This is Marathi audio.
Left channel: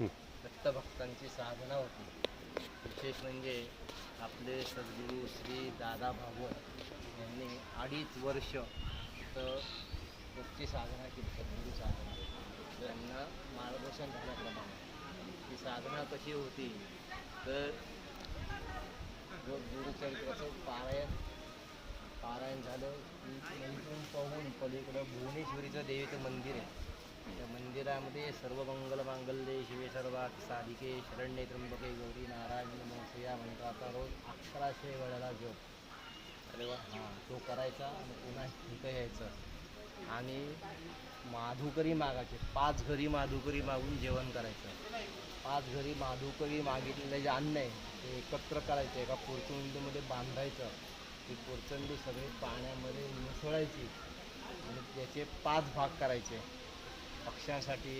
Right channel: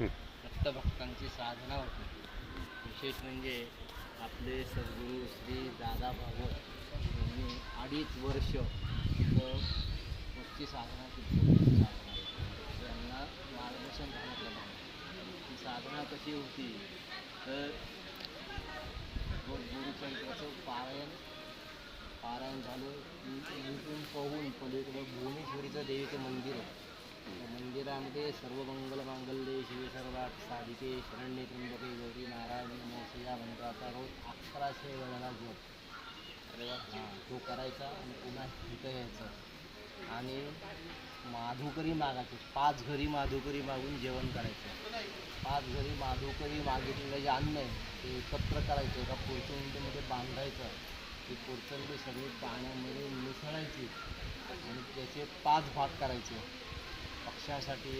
दत्तभक्तांची साधना होती. विशेष म्हणजे आपले सद्गुरू श्री दादा भागवत यांनी 2.5 वर्ष तिथं त्याची साधना केली. साधना त्यांना मार्गदर्शन झाल्याप्रमाणे ती साधना कशी होती तर गुरुचरित्राचं पारायण झालं की नंतर पाहून पलीकडं भुवनेश्वरीचं देवीचं मंदिर आहे. त्या मंदिरामध्ये सर्व मंगल मांगल्ये शिवे सर्वात साधिके शरण्ये त्र्यंबके गौरी नारायणी नमोस्तुते या मंत्राचा रोज 1100 वेळेला जप तो करायचा आणि पुन्हा इथं यायचं आणि माधुकरी मागायचे. 5 घरी माधुकरी मागून जेवण करायचं. 5 घरी माधुकरी मागितलेलं जे अन्न आहे ते एकत्र करायचं, एका पोर्चंडीमध्ये बांधायचं. ती पोर्चंडी सगळी पाण्यामध्ये मिसळायची आणि त्याचे 5 भाग करायचे. पक्ष्यांसाठी